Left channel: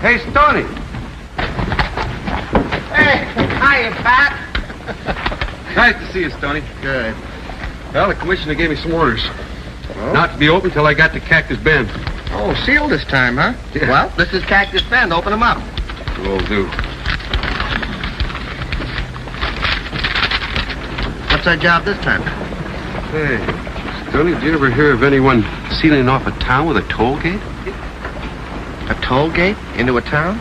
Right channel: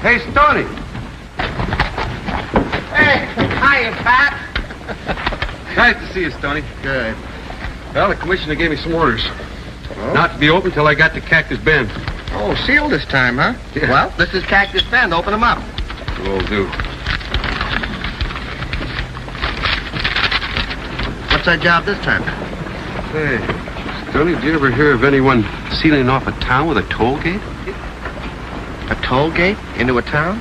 Hey, Stoney. Hey, hiya, Pat. Nice to see you, Stoney. Good. Well, the commissioner gave me some orders. Oh? Not to be open till I got to Cactus Bend. Oh, sealed this time, huh? Yeah. Well, this is Cactus Bend. Open them up. Will do. What's our job this time? Hey, Stoney, did you ever hear of anyone sealing off a town with a toll gate? A toll gate into a town?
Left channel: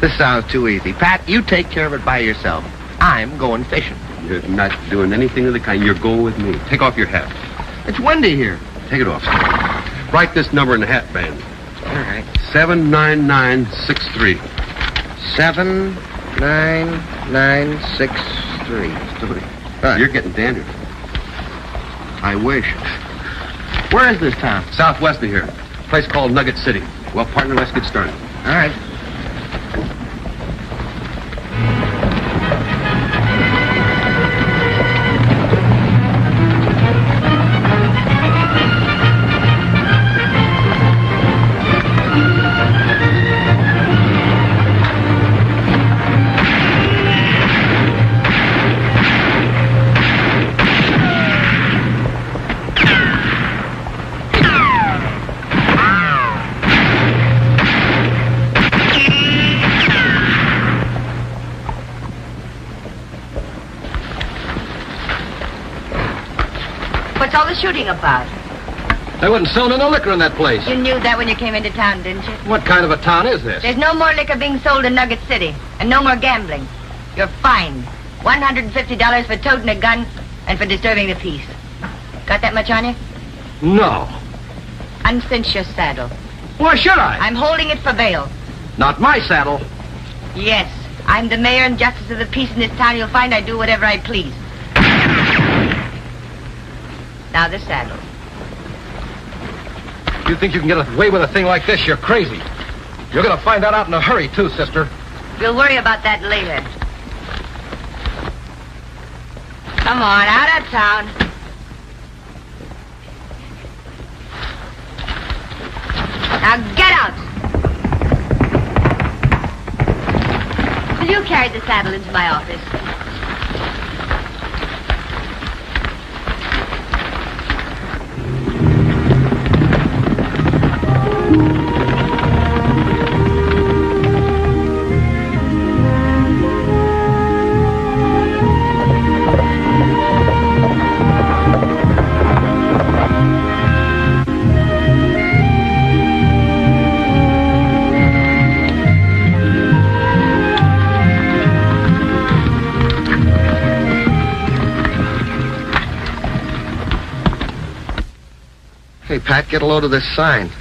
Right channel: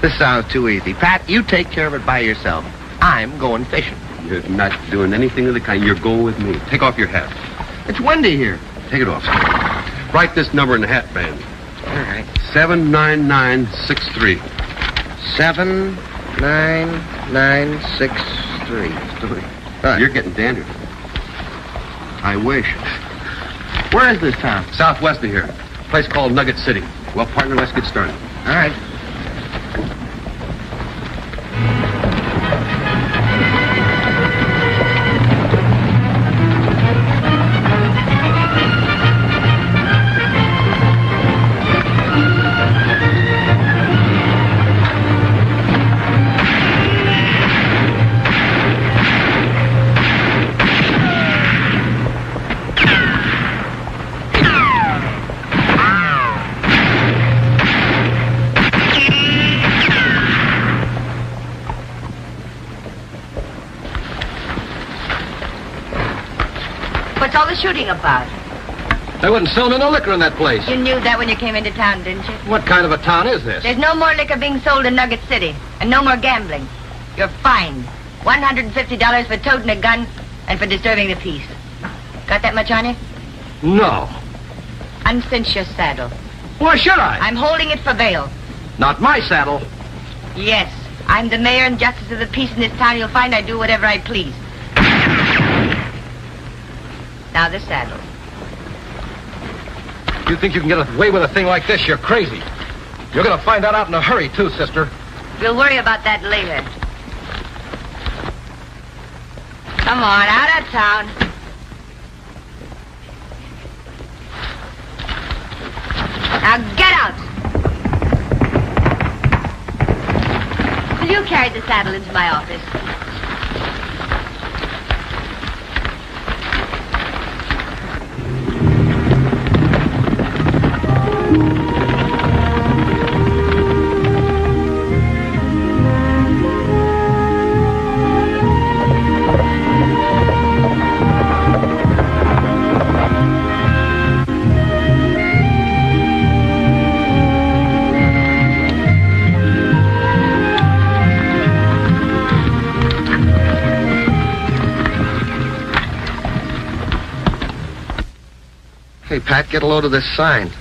This sounds too easy. Pat, you take care of it by yourself. I'm going fishing. You're not doing anything of the kind. You're going with me. Take off your hat. It's windy here. Take it off. Write this number in the hat band. All right. 79963. 79963. Stoney, you're getting dangerous. I wish. Where is this town? Southwest of here. A place called Nugget City. Well, partner, let's get started. All right. About. They wouldn't sell me no liquor in that place. You knew that when you came into town, didn't you? What kind of a town is this? There's no more liquor being sold in Nugget City, and no more gambling. You're fined. $150 for toting a gun and for disturbing the peace. Got that much on you? No. Uncinch your saddle. Why should I? I'm holding it for bail. Not my saddle. Yes. I'm the mayor and justice of the peace in this town. You'll find I do whatever I please. Now the saddle. You think you can get away with a thing like this? You're crazy. You're going to find that out in a hurry, too, sister. You'll worry about that later. Come on, out of town. Now get out. Will you carry the saddle into my office? Hey, Pat, get a load of this sign.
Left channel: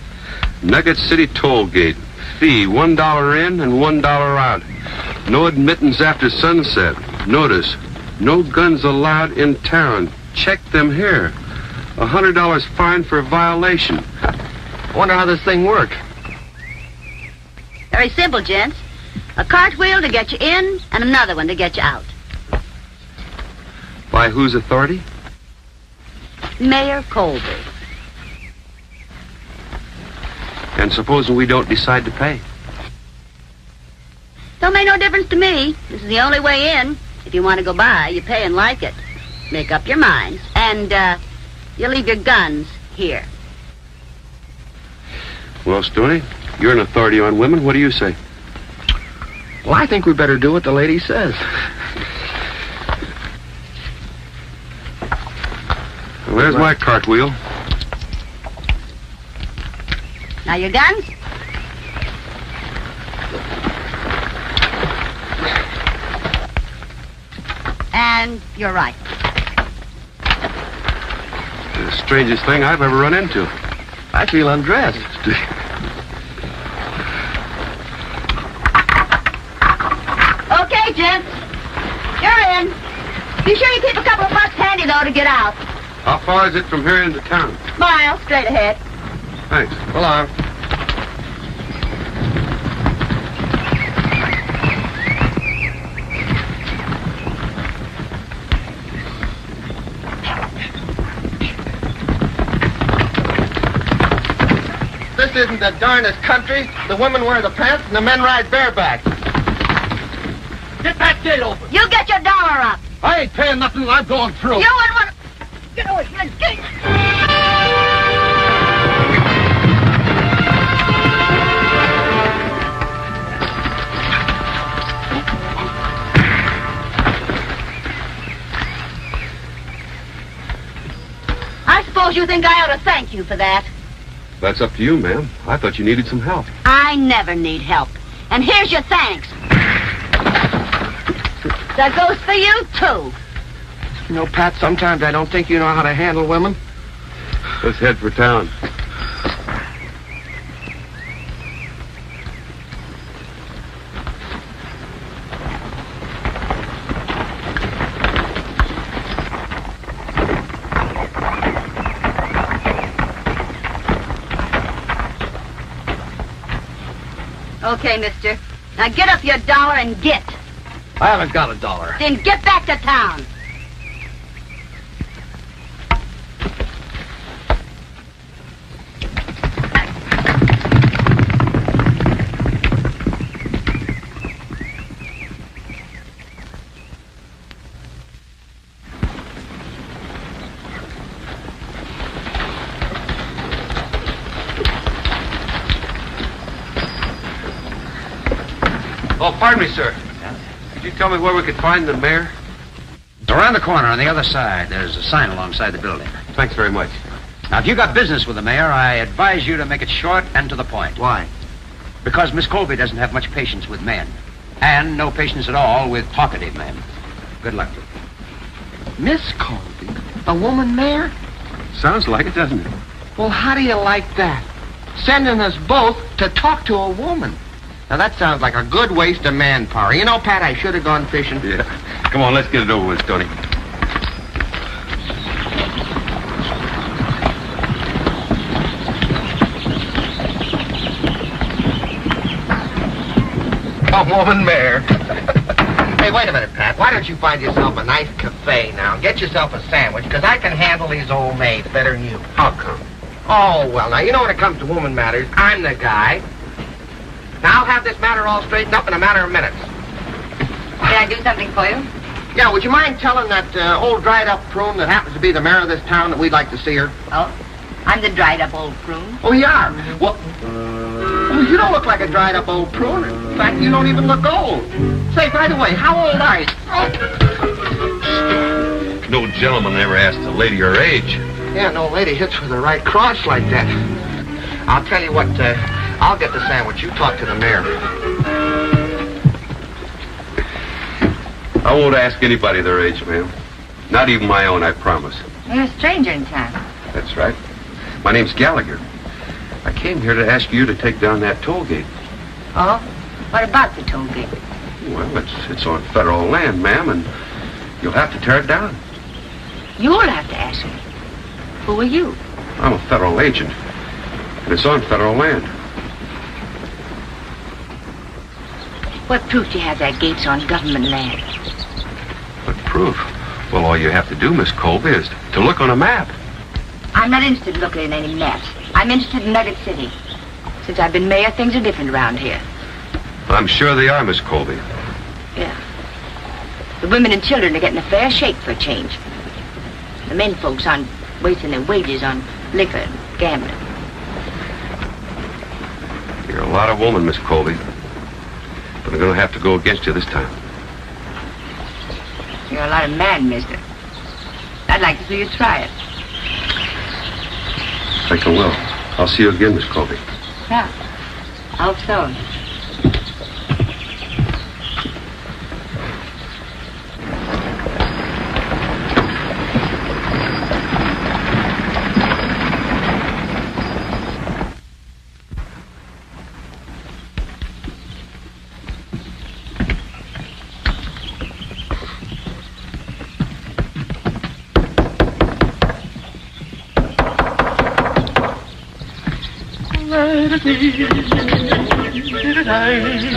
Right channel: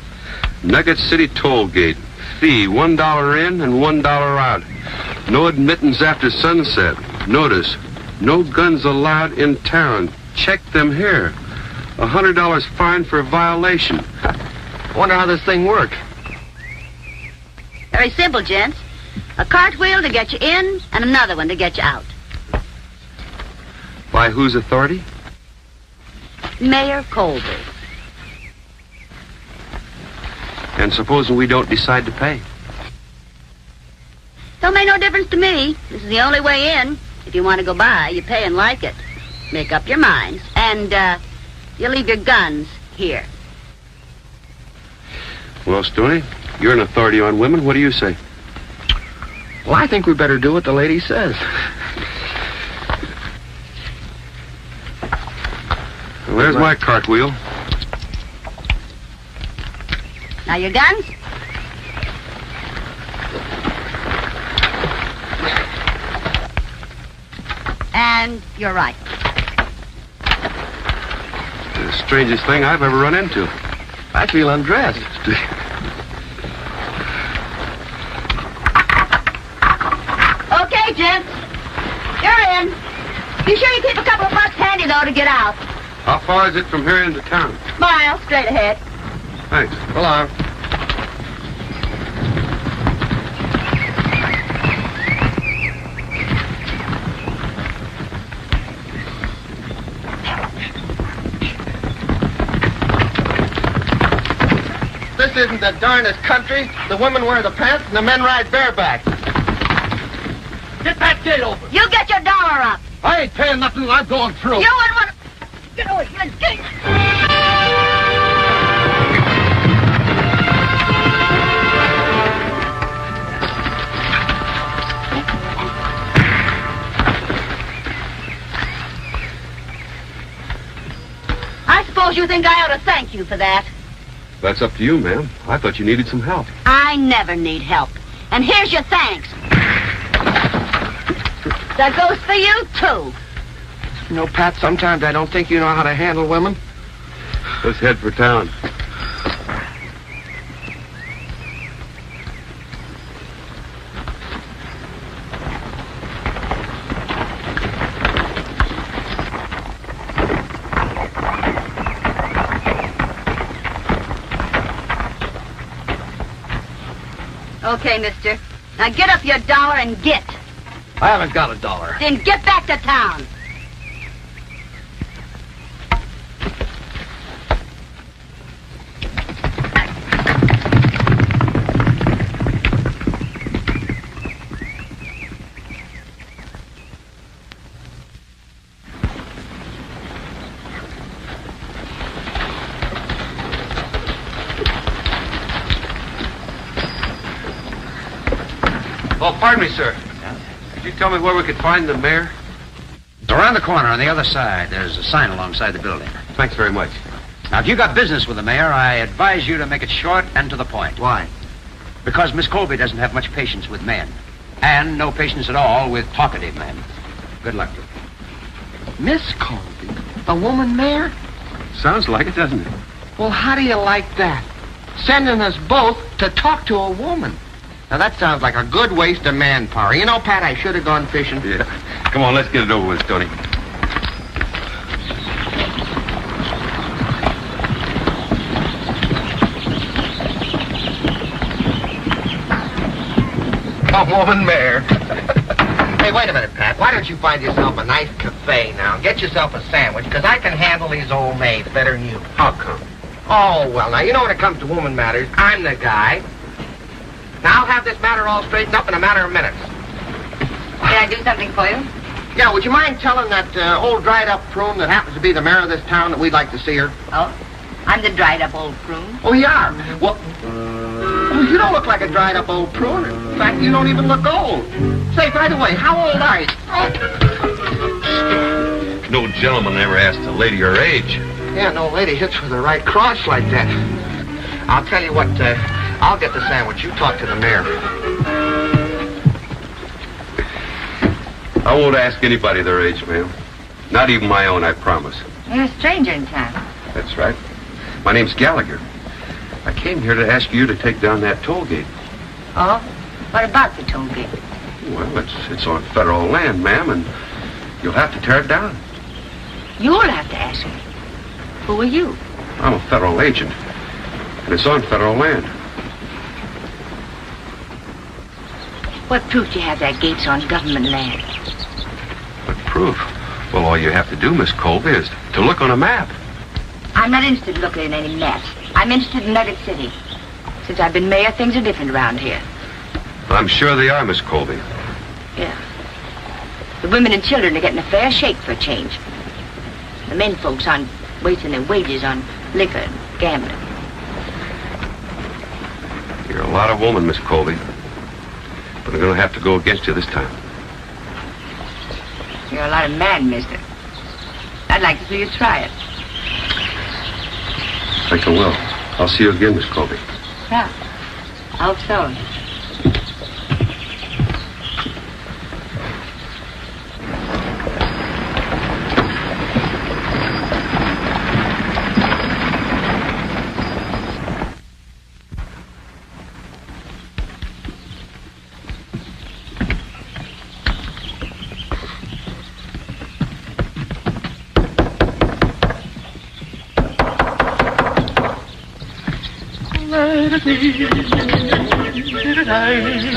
Nugget City Toll Gate. Fee, $1 in and $1 out. No admittance after sunset. Notice, no guns allowed in town. Check them here. $100 fine for a violation. Wonder how this thing works. Very simple, gents. A cartwheel to get you in and another one to get you out. By whose authority? Mayor Colby. And supposing we don't decide to pay? Don't make no difference to me. This is the only way in. If you want to go by, you pay and like it. Make up your minds. And, you leave your guns here. Well, Stoney, you're an authority on women. What do you say? Well, I think we better do what the lady says. Where's my cartwheel? Now your guns? And you're right. The strangest thing I've ever run into. I feel undressed. Okay, gents. You're in. Be sure you keep a couple of bucks handy, though, to get out. How far is it from here into town? Mile, straight ahead. Thanks. Hello. This isn't of the darnest country. The women wear the pants and the men ride bareback. Get that gate open. You get your dollar up. I ain't paying nothing. I'm going through. You wouldn't want to... Get over here, gate. I suppose you think I ought to thank you for that. That's up to you, ma'am. I thought you needed some help. I never need help. And here's your thanks. That goes for you, too. You know, Pat, sometimes I don't think you know how to handle women. Let's head for town. Okay, mister. Now get up your dollar and get. I haven't got $1. Then get back to town. Oh, pardon me, sir. Could you tell me where we could find the mayor? Around the corner on the other side, there's a sign alongside the building. Thanks very much. Now, if you got business with the mayor, I advise you to make it short and to the point. Why? Because Miss Colby doesn't have much patience with men. And no patience at all with talkative men. Good luck. Miss Colby? A woman mayor? Sounds like it, doesn't it? Well, how do you like that? Sending us both to talk to a woman. Now, that sounds like a good waste of manpower. You know, Pat, I should have gone fishing. Yeah. Come on, let's get it over with, Stoney. A woman mayor. Hey, wait a minute, Pat. Why don't you find yourself a nice cafe now and get yourself a sandwich? Because I can handle these old maids better than you. How come? Oh, well, now, you know when it comes to woman matters, I'm the guy. Now, I'll have this matter all straightened up in a matter of minutes. Can I do something for you? Yeah, would you mind telling that old dried-up prune that happens to be the mayor of this town that we'd like to see her? Oh? I'm the dried-up old prune. Oh, you are? Well, you don't look like a dried-up old prune. In fact, you don't even look old. Say, by the way, how old are you? No gentleman ever asked a lady her age. Yeah, no lady hits with the right cross like that. I'll tell you what, I'll get the sandwich. You talk to the mayor. I won't ask anybody their age, ma'am. Not even my own, I promise. You're a stranger in town. That's right. My name's Gallagher. I came here to ask you to take down that toll gate. Oh? What about the toll gate? Well, it's on federal land, ma'am, and you'll have to tear it down. You'll have to ask me. Who are you? I'm a federal agent, and it's on federal land. What proof do you have that gate's on government land? What proof? Well, all you have to do, Miss Colby, is to look on a map. I'm not interested in looking at any maps. I'm interested in Nugget City. Since I've been mayor, things are different around here. I'm sure they are, Miss Colby. Yeah. The women and children are getting a fair shake for a change. The men folks aren't wasting their wages on liquor and gambling. You're a lot of woman, Miss Colby. But I'm going to have to go against you this time. You're a lot of man, mister. I'd like to see you try it. I think I will. I'll see you again, Miss Colby. Yeah. How so?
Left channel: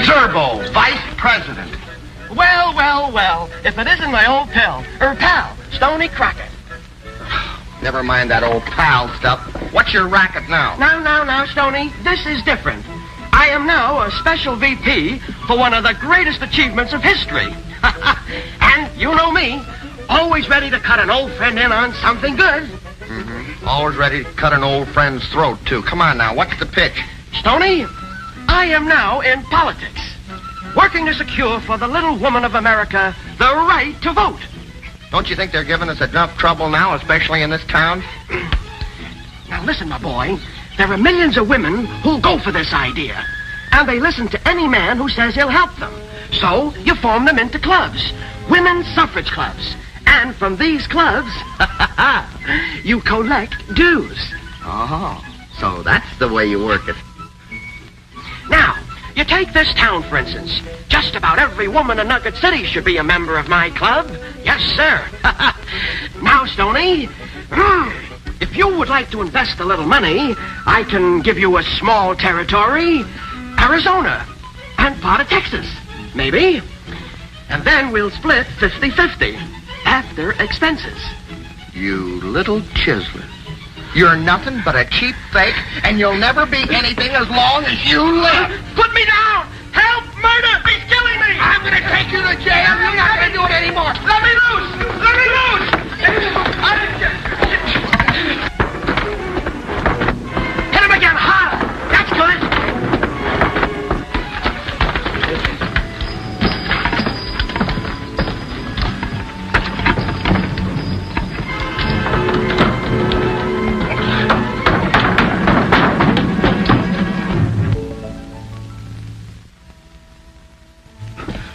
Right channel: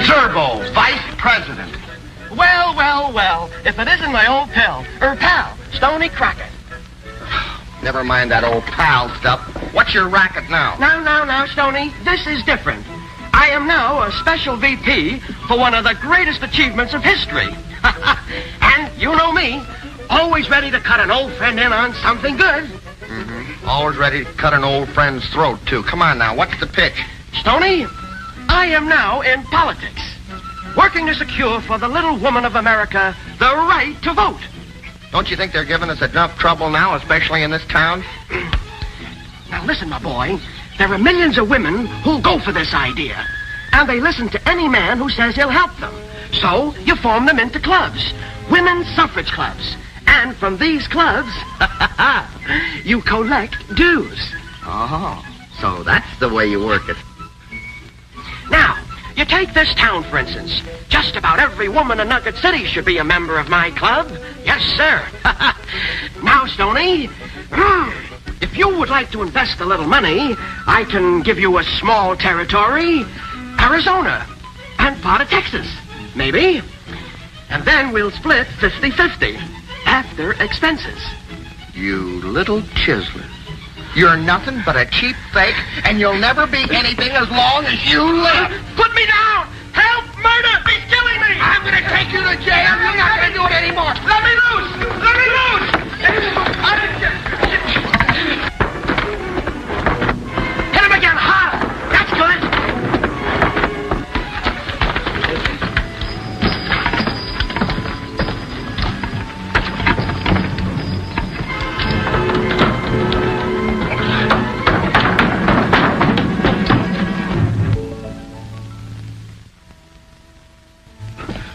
Zerbo, vice president. Well, if it isn't my old pal, Stoney Crockett. Never mind that old pal stuff. What's your racket now? Now, Stoney. This is different. I am now a special VP for one of the greatest achievements of history. And you know me, always ready to cut an old friend in on something good. Mm-hmm. Always ready to cut an old friend's throat, too. Come on now, what's the pitch? Stoney, I am now in politics, working to secure for the little woman of America the right to vote. Don't you think they're giving us enough trouble now, especially in this town? Now listen, my boy. There are millions of women who'll go for this idea. And they listen to any man who says he'll help them. So you form them into clubs. Women's suffrage clubs. And from these clubs, you collect dues. Oh, so that's the way you work it. Now, you take this town, for instance. Just about every woman in Nugget City should be a member of my club. Yes, sir. Now, Stoney, if you would like to invest a little money, I can give you a small territory, Arizona, and part of Texas, maybe. And then we'll split 50-50 after expenses. You little chiseler. You're nothing but a cheap fake, and you'll never be anything as long as you live. Put me down! Help! Murder! He's killing me! I'm going to take you to jail. You're not going to do it anymore. Let me loose! Let me loose! Hit him again, harder! That's good!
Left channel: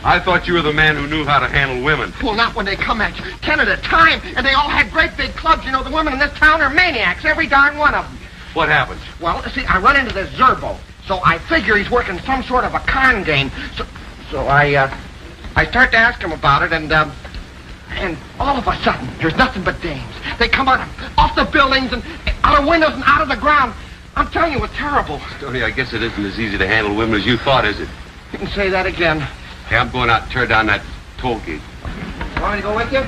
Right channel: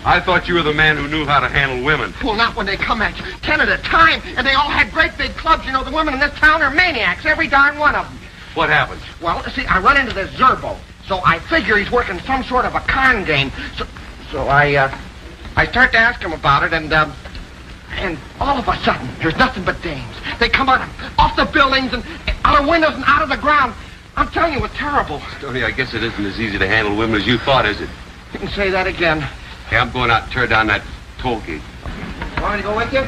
I thought you were the man who knew how to handle women. Well, not when they come at you. 10 at a time, and they all had great big clubs. You know, the women in this town are maniacs, every darn one of them. What happened? Well, see, I run into this Zerbo, so I figure he's working some sort of a con game. So I start to ask him about it, and all of a sudden, there's nothing but dames. They come out off the buildings and out of windows and out of the ground. I'm telling you, it's terrible. Tony, I guess it isn't as easy to handle women as you thought, is it? You can say that again. Hey, I'm going out and tear down that toll gate. You want me to go with you?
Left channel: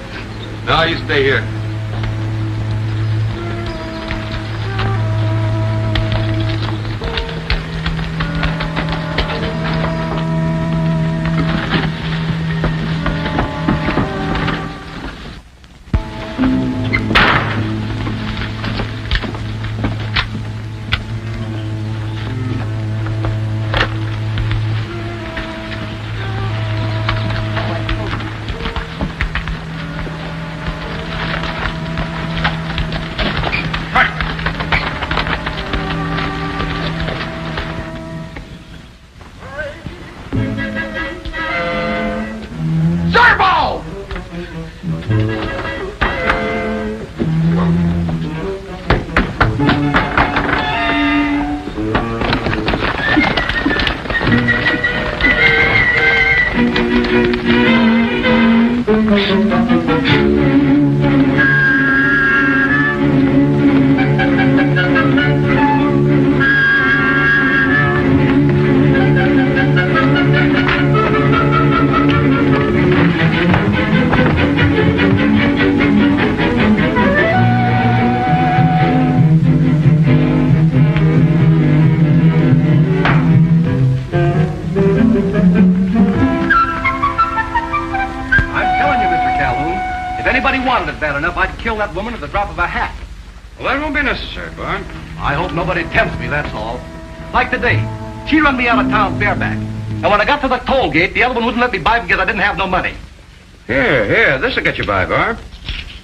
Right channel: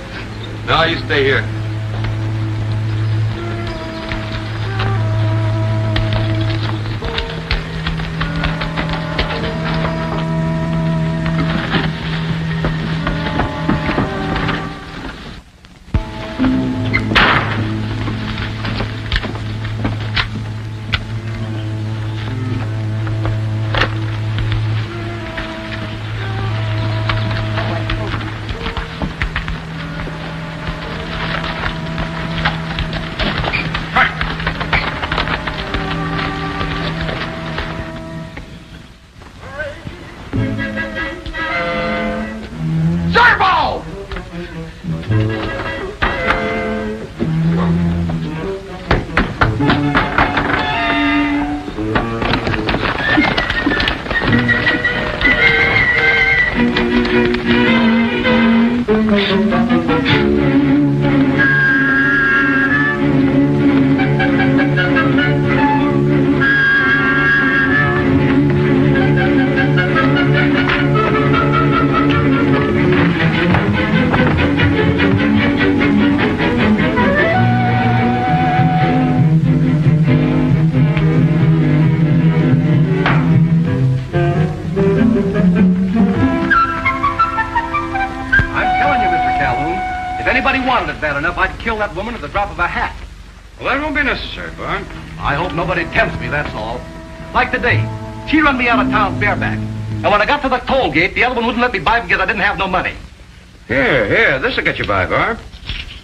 No, you stay here. That's all. Like today, she run me out of town bareback. And when I got to the toll gate, the other one wouldn't let me buy because I didn't have no money. Here, this'll get you by, Barb.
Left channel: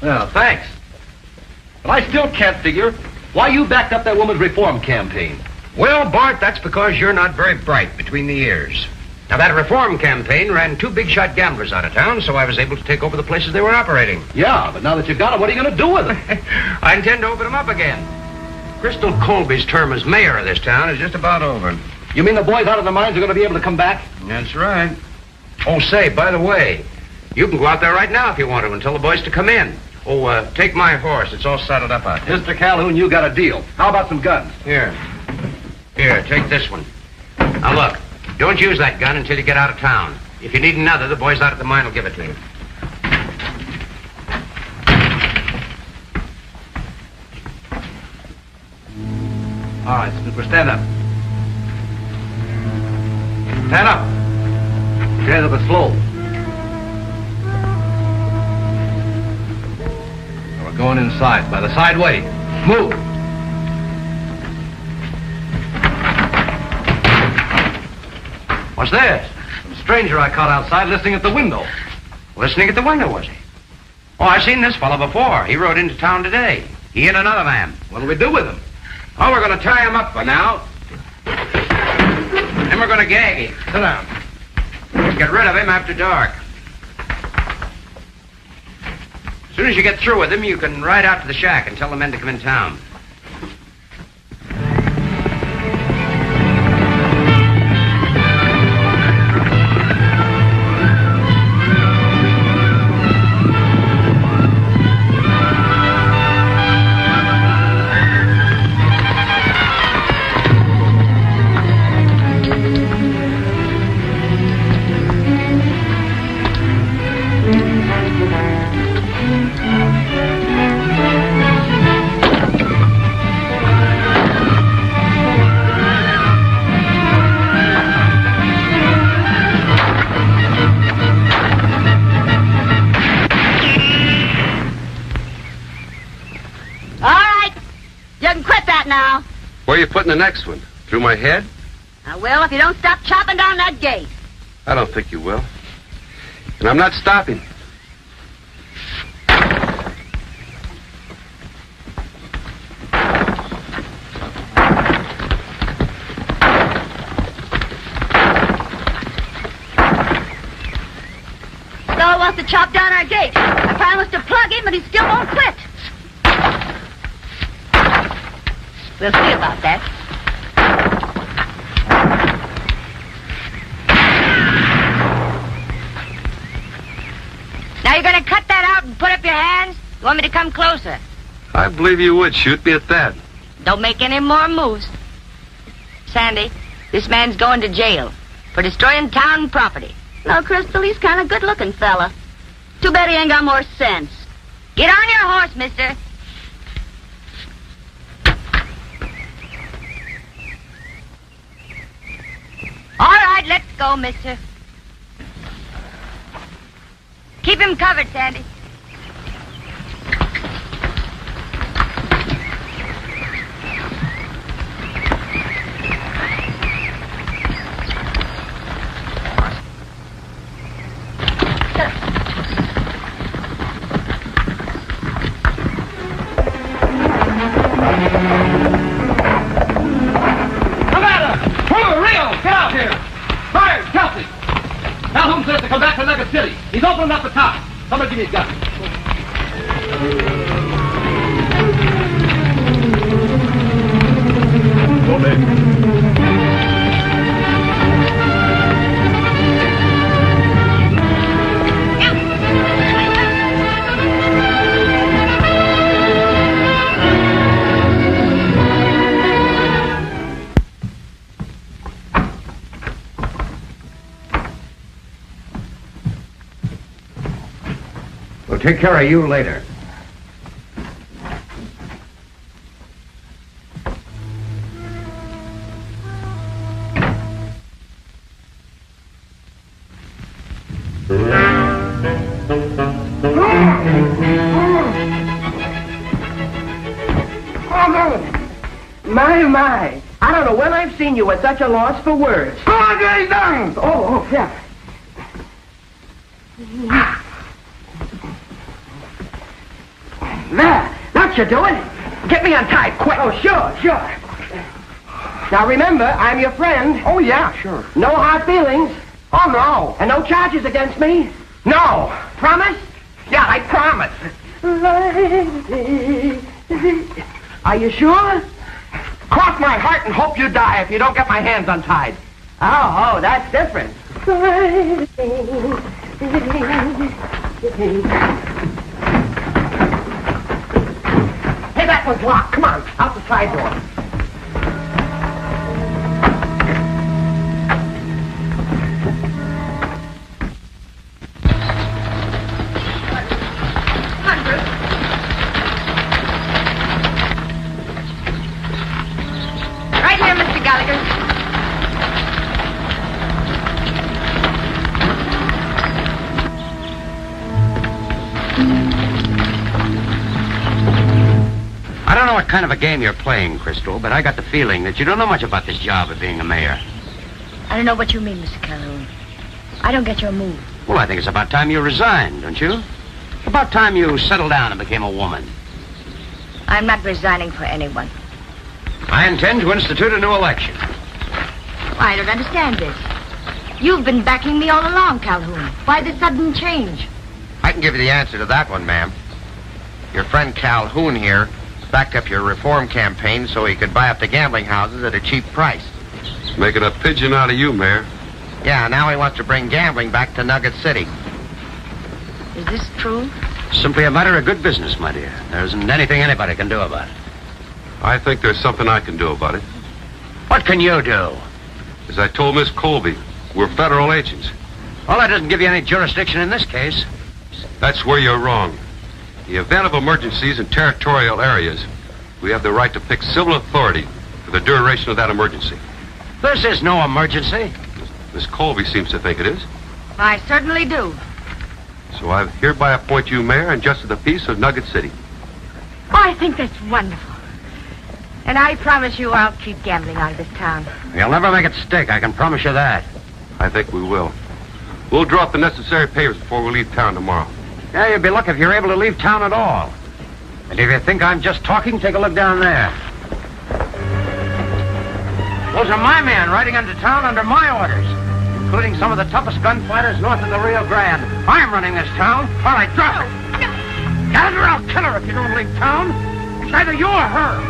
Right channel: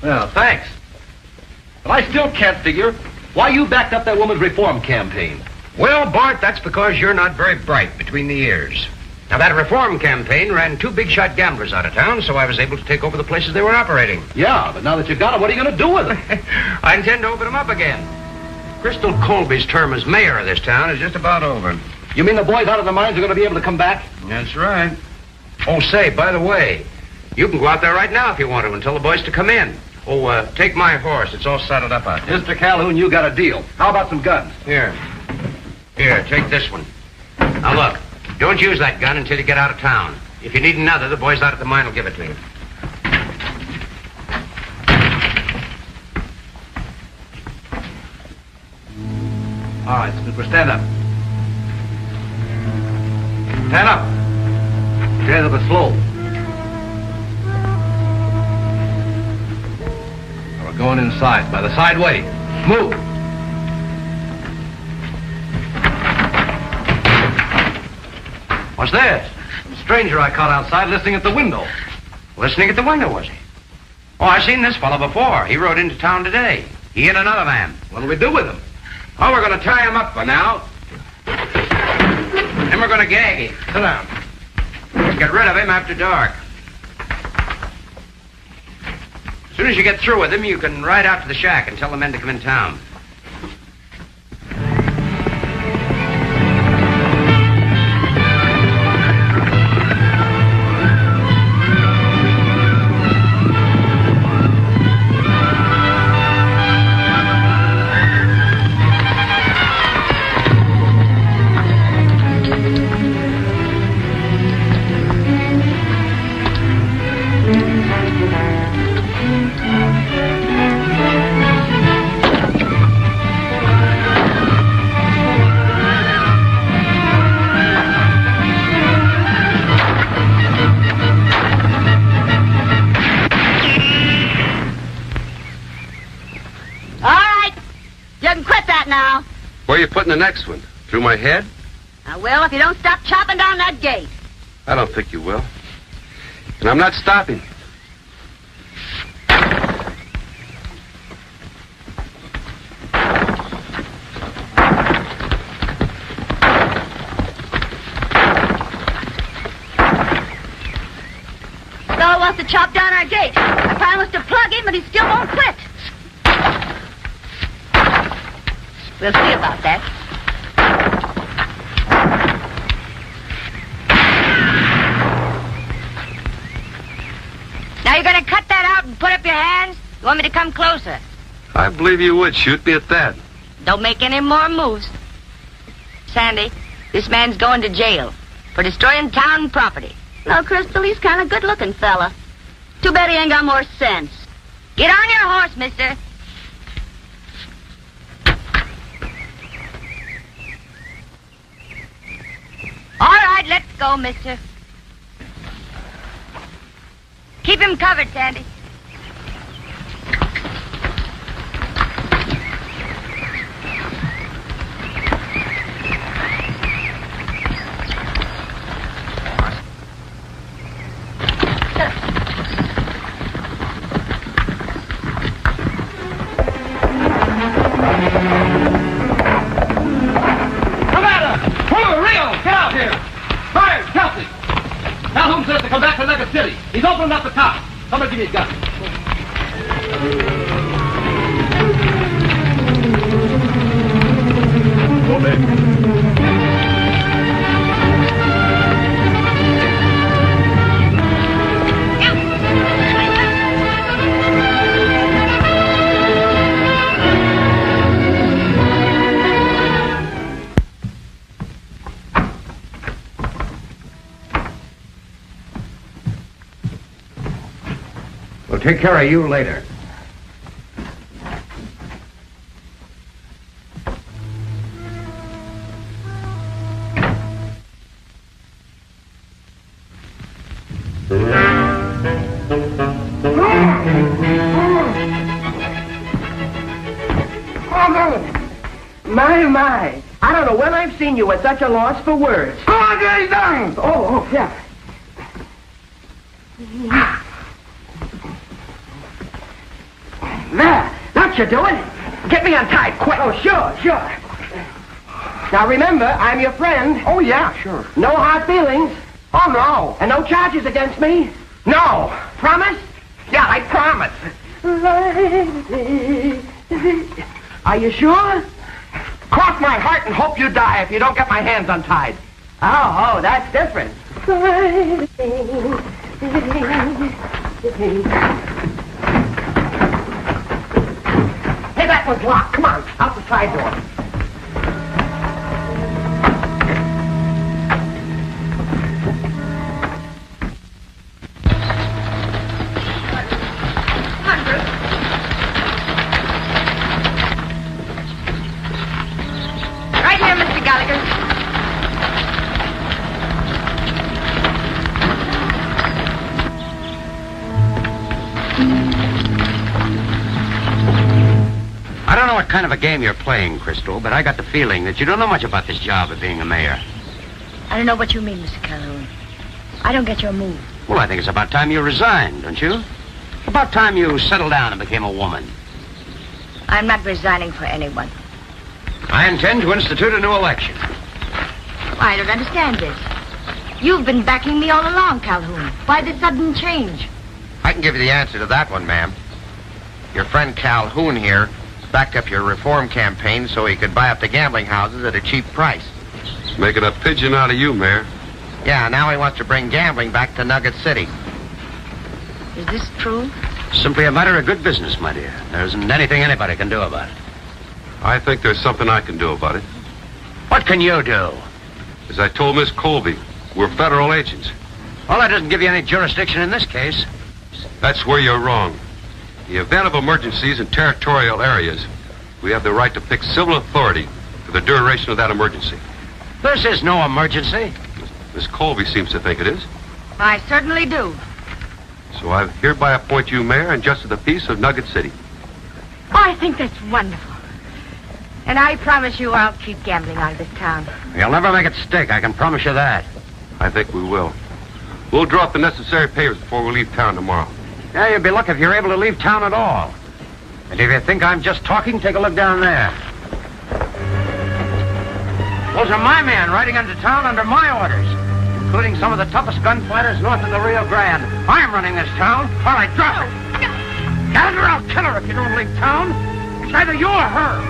Well, thanks. But I still can't figure why you backed up that woman's reform campaign. Well, Bart, that's because you're not very bright between the ears. Now, that reform campaign ran 2 big-shot gamblers out of town, so I was able to take over the places they were operating. Yeah, but now that you've got them, what are you going to do with them? I intend to open them up again. Crystal Colby's term as mayor of this town is just about over. You mean the boys out of their minds are going to be able to come back? That's right. Oh, say, by the way, you can go out there right now if you want to and tell the boys to come in. Oh, take my horse. It's all saddled up out here. Mr. Calhoun, you got a deal. How about some guns? Here, take this one. Now, look, don't use that gun until you get out of town. If you need another, the boys out at the mine will give it to you. All right, Snooper, stand up. Stand up. Stand up and slow. We're going inside, by the side way. Move. What's this? The stranger I caught outside listening at the window. Listening at the window, was he? Oh, I've seen this fellow before. He rode into town today. He hit another man. What'll we do with him? Oh, we're going to tie him up for now. Then we're going to gag him. Sit down. We'll get rid of him after dark. As soon as you get through with him, you can ride out to the shack and tell the men to come in town. Where are you putting the next one? Through my head? I will if you don't stop chopping down that gate. I don't think you will. And I'm not stopping. Fellow wants to chop down our gate. I promised to plug him, but he still won't quit. We'll see about that. Now you're going to cut that out and put up your hands? You want me to come closer? I believe you would shoot me at that. Don't make any more moves. Sandy, this man's going to jail for destroying town property. No, Crystal, he's kind of good-looking fella. Too bad he ain't got more sense. Get on your horse, mister. All right, let's go, mister. Keep him covered, Sandy. He's opened up the top. Somebody give me his gun. Go in. We'll take care of you later. My. I don't know when I've seen you at such a loss for words. Oh, yeah. There. What you doing? Get me untied, quick. Oh, sure. Now, remember, I'm your friend. Oh, yeah, sure. No hard feelings. Oh, no. And no charges against me? No. Promise? Yeah, I promise. Are you sure? Cross my heart and hope you die if you don't get my hands untied. Oh, that's different. Hey, that was locked. Come on, out the side door. a game you're playing, Crystal, but I got the feeling that you don't know much about this job of being a mayor. I don't know what you mean, Mr. Calhoun. I don't get your move. Well, I think it's about time you resigned, don't you? About time you settled down and became a woman. I'm not resigning for anyone. I intend to institute a new election. I don't understand this. You've been backing me all along, Calhoun. Why the sudden change? I can give you the answer to that one, ma'am. Your friend Calhoun here backed up your reform campaign so he could buy up the gambling houses at a cheap price. Making a pigeon out of you, Mayor. Yeah, now he wants to bring gambling back to Nugget City. Is this true? Simply a matter of good business, my dear. There isn't anything anybody can do about it. I think there's something I can do about it. What can you do? As I told Miss Colby, we're federal agents. Well, that doesn't give you any jurisdiction in this case. That's where you're wrong. In the event of emergencies in territorial areas, we have the right to pick civil authority for the duration of that emergency. This is no emergency. Miss Colby seems to think it is. I certainly do. So I hereby appoint you mayor and justice of the peace of Nugget City. I think that's wonderful. And I promise you I'll keep gambling out of this town. You'll never make it stick, I can promise you that. I think we will. We'll drop the necessary papers before we leave town tomorrow. Yeah, you'd be lucky if you're able to leave town at all. And if you think I'm just talking, take a look down there. Those are my men riding into town under my orders, including some of the toughest gunfighters north of the Rio Grande. I'm running this town. All right, drop it. Gallagher, I'll kill her if you don't leave town. It's either you or her.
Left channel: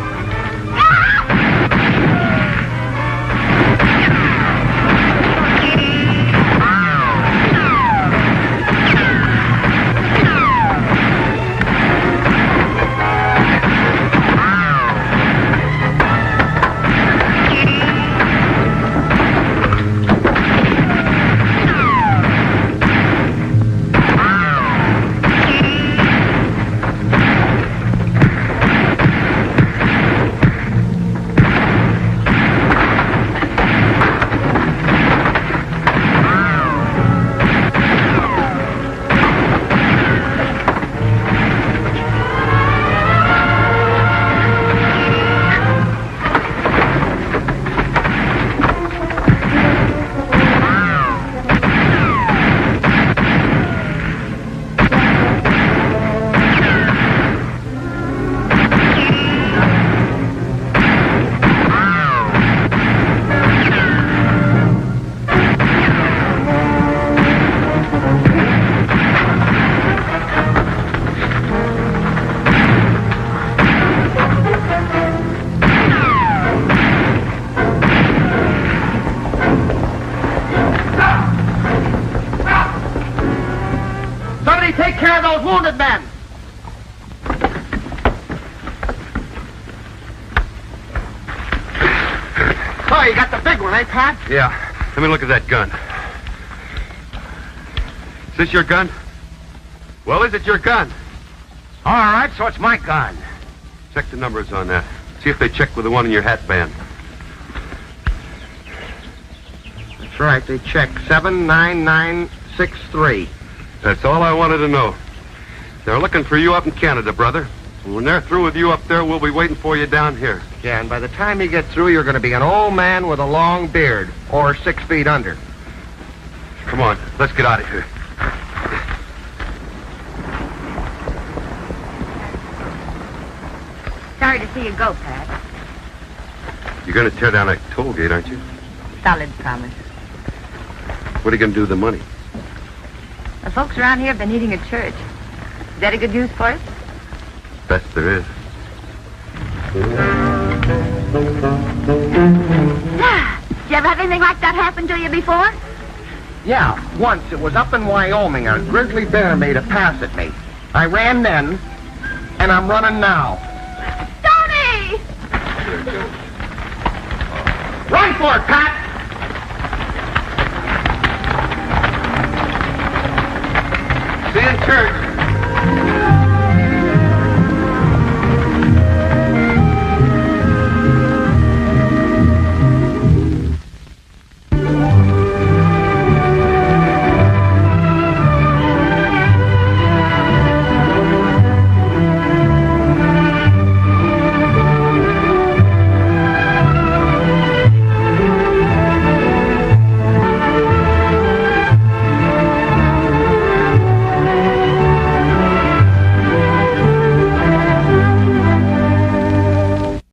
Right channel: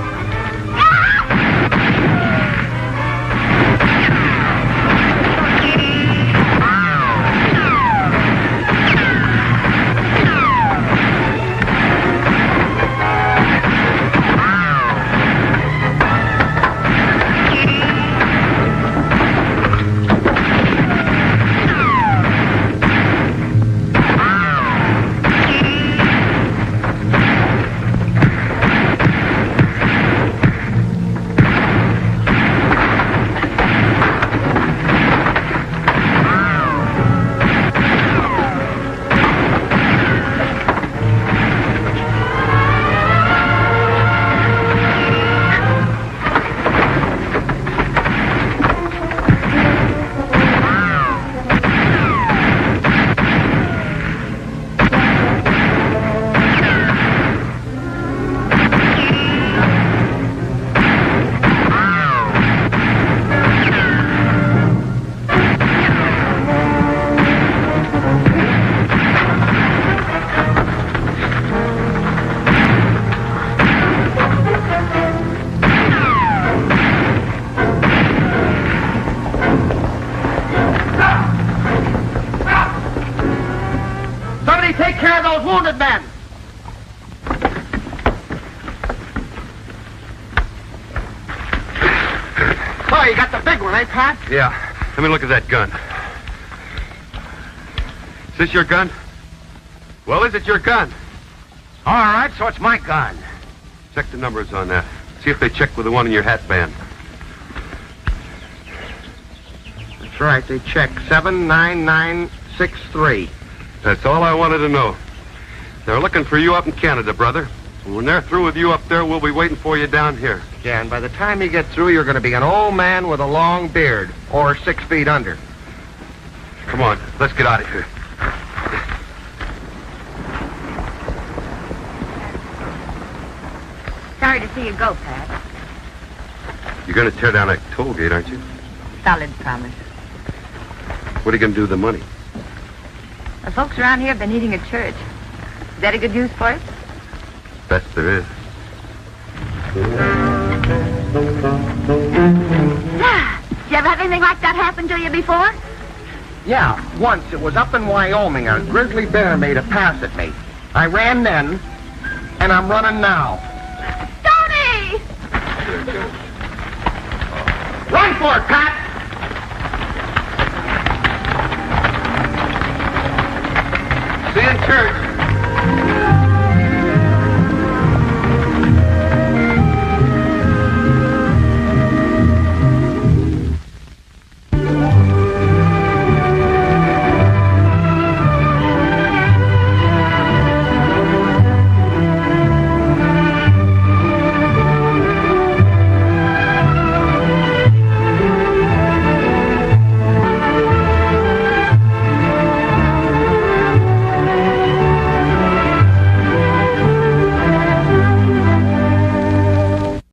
Yeah. Let me look at that gun. Is this your gun? Well, is it your gun? All right, so it's my gun. Check the numbers on that. See if they check with the one in your hat band. That's right. They check 79963. That's all I wanted to know. They're looking for you up in Canada, brother. And when they're through with you up there, we'll be waiting for you down here. Yeah, and by the time you get through, you're going to be an old man with a long beard, or 6 feet under. Come on, let's get out of here. Sorry to see you go, Pat. You're going to tear down that toll gate, aren't you? Solid promise. What are you going to do with the money? The folks around here have been eating at church. Is that a good use for it? Best there is. Did you ever have anything like that happen to you before? Yeah, once. It was up in Wyoming. A grizzly bear made a pass at me. I ran then, and I'm running now. Stoney! Run for it, Pat!